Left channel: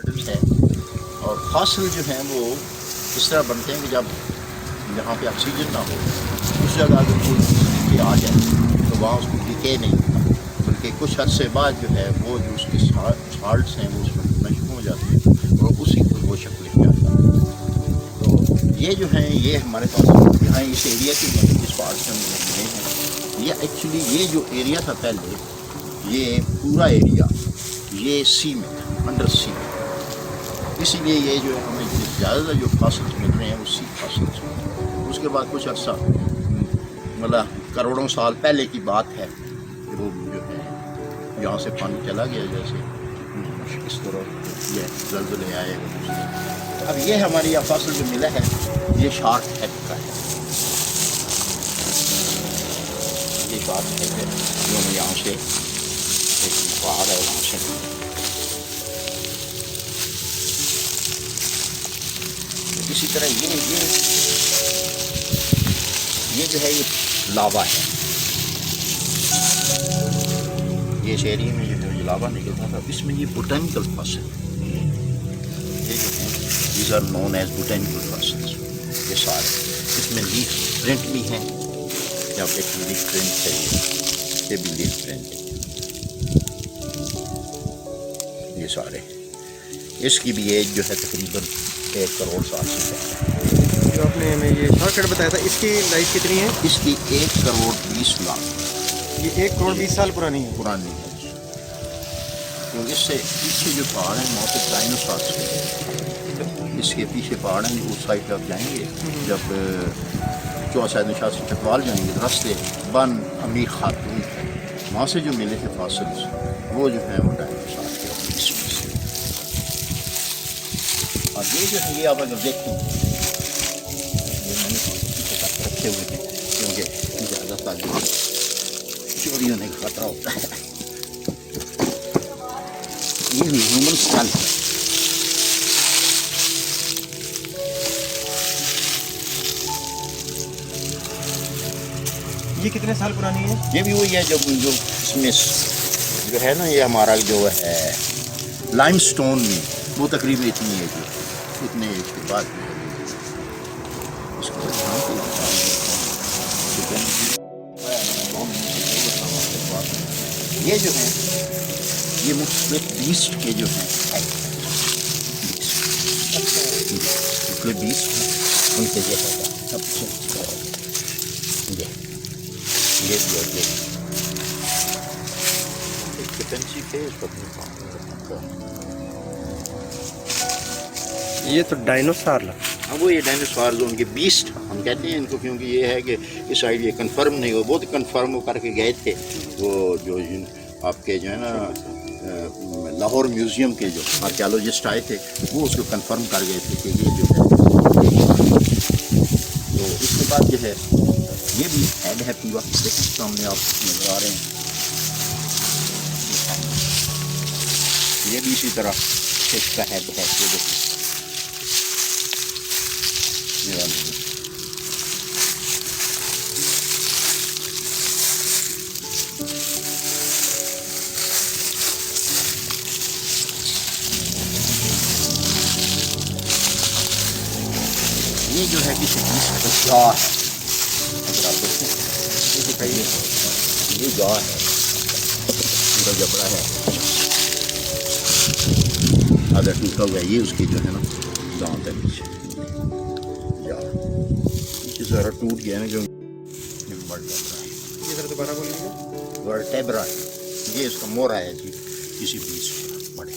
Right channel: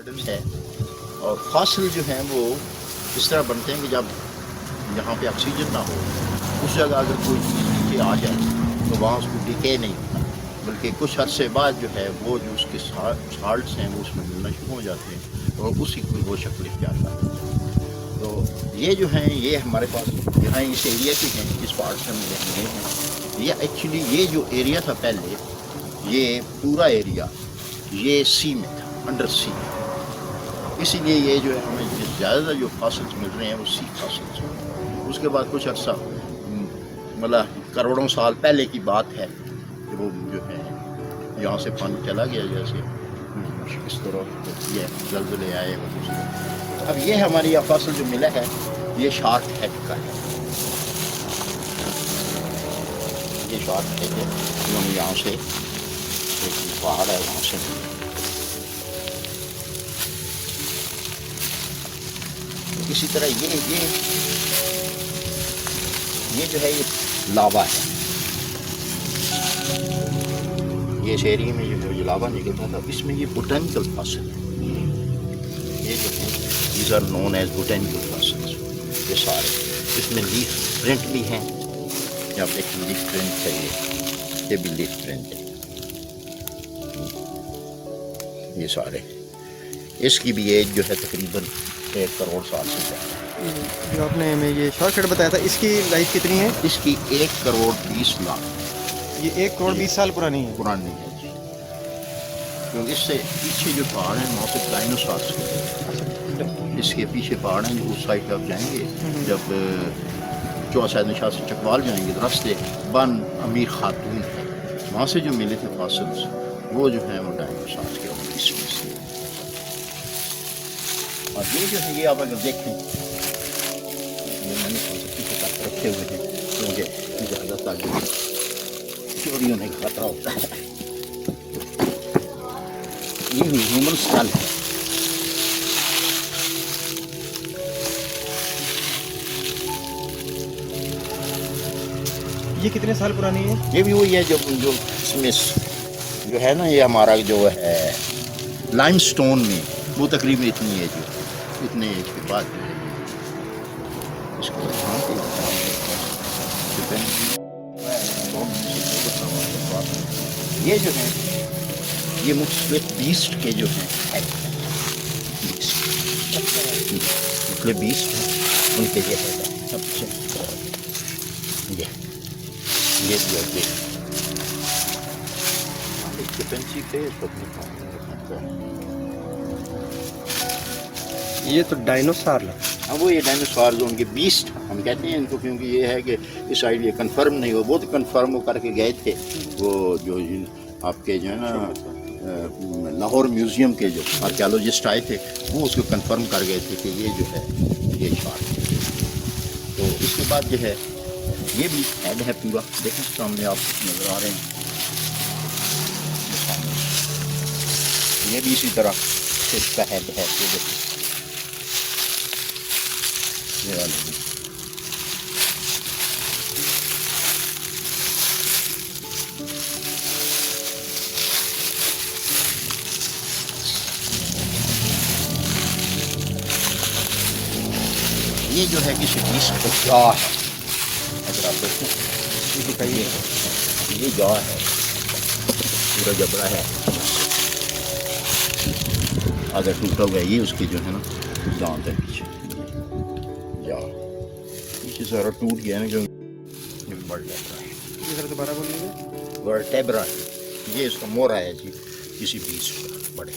है। और फासिल जो हैं वो इस तरह बनते हैं कि जब जहाँ पे ऑक्सीजन ना हो उस जगह अगर कोई चीज़ नीचे आ जाए तो वहाँ उसको डिके नहीं होता, बल्कि कुछ अरसे बाद जो है वो जो उसके साल्ट्स हैं वो उसमें नष्ट हो जाते हैं और उसी को वो शक्ल इख्तियार करते हैं। तो ये जो है ये हमारे पास यहाँ इस एरिया के हैं जिस पार्ट से हम मिले हैं, ये एक्चुअली ये जो एरिया था पहले, ये पूरा एरिया ये सी में था, अंडर सी। इसीलिए ये जो है हमें ज़्यादा जो फासिल्स मिल रहे हैं वो सी फासिल्स हैं। उसके बाद कुछ अर्सा मतलब करोड़ों साल पहले की बात है कि वो जो है यहाँ से पानी चला गया, जैसे इस तरह ये जल्जले आए। अब ये हमारी यह फासिल जो मिला है ये शार्क टाइप का है, ये शार्क टाइप है। उन्होंने यहाँ से एक पहाड़ है वहाँ से इसी तरह ये जो है ये लावा है। ये इस एरिया में जो ये लावा निकलता था इसमें ये बोटेनिकल फॉसिल, ये जो है these are known as botanical fossils. ये सारे इसमें लीफ प्रिंट भी हैं, या एक लीफ प्रिंट है, ये भी लीफ प्रिंट है। ये सारे इसकी भी एज जो है तकरीबन 1 करोड़ साल से पहले। जो आपने हमें ये शॉर्टकट बताया था, इसकी लाइफ कितनी है? इसकी 1 करोड़ 20 लाख, ये 1 करोड़ 20 साल पुरानी है। पुरानी है। क्योंकि इससे पीछे जो पहाड़ हैं वहाँ पे डायनासोर्स हैं, इसके पीछे पहाड़ हैं जो उस साइड आप जाएंगे, जब चौसा निशा से चकवाल जाएंगे तो रास्ते बन अमीर खातून वहाँ से जो मिले थे फासिल्स वो जो हैं वो डायनासोर्स के और इसमें से। और ये जो है ये आप अगर देखें, ये मैंने पीछे तक रखे हुए थे क्योंकि इजाज़त आ गई, चोरी होने का खतरा होता है। ये ह्यूमन स्कल है, ये कितने साल पुरानी है? ये भी वही है जो इसमें जो है ना, ये हमारा जो है लाइमस्टोन में वो तकरीबन इतनी है जो उतने के बाद उसके बाद हाँ ये जो है ये मुख्तलिफ बीस्ट के जो हैं मुख्तलिफ बीस्ट हैं, उनसे ये है सबसे ये भी और ये चिकनसी पे ये तो डायनासोर लगा। हाँ वो ये डायनासोर जो उनके बीस्ट हम कहते हैं इनको, क्योंकि ये है कि इस साइड ये कंफर्म नहीं हुआ, वो तो कंफर्म करके गए थे वो जो आपके जो है ना लाहौर म्यूज़ियम के जो आर्कियोलॉजिस्ट आए थे वो उसको कंफर्म कर गए थे कि ये जो है ये शार्क। तो इसके बाद जो है ये भी हेड है पूरा, देखें सामने आप नज़र आ रहे हैं, ये भी इसी तरह फिश का हेड है। ये देखो ये वाला ये जो है किसी बीस का जा है, अगर आप देखें ये जा है, पूरा जबड़ा है, आधा टूटा हुआ है, ये उसके जो है ना दांत है पीछे जा, पीछे सारा टूट गया है जो वर्टेब्रा है, ये इसका मोरा है जी किसी बीस बड़े।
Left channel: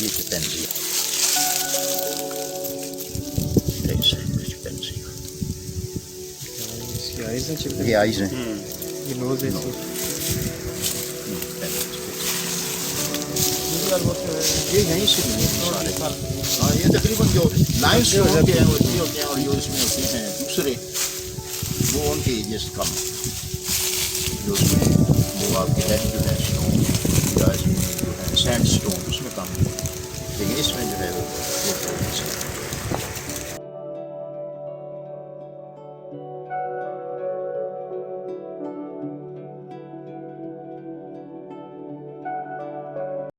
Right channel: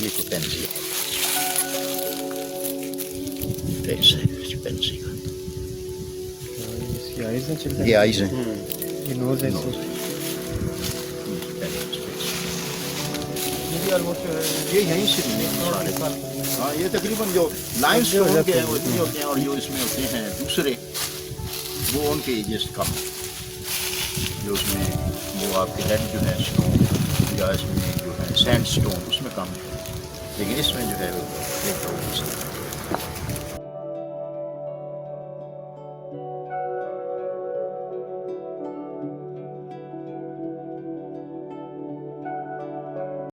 ये चिकनजी ये आइज़ हैं, ये नोज़ है, ये यहीं से मिले सारे। हाँ ये तकरीबन जो लाइन्स जो होते हैं वो होते हैं और जो इसमें होते हैं दूसरे वो उनके एजेस कम। जो उसमें वो आपके हेड जो है स्टोन या इसमें जो है सैंड स्टोन उसमें कम है, लेकिन इसमें जो है वो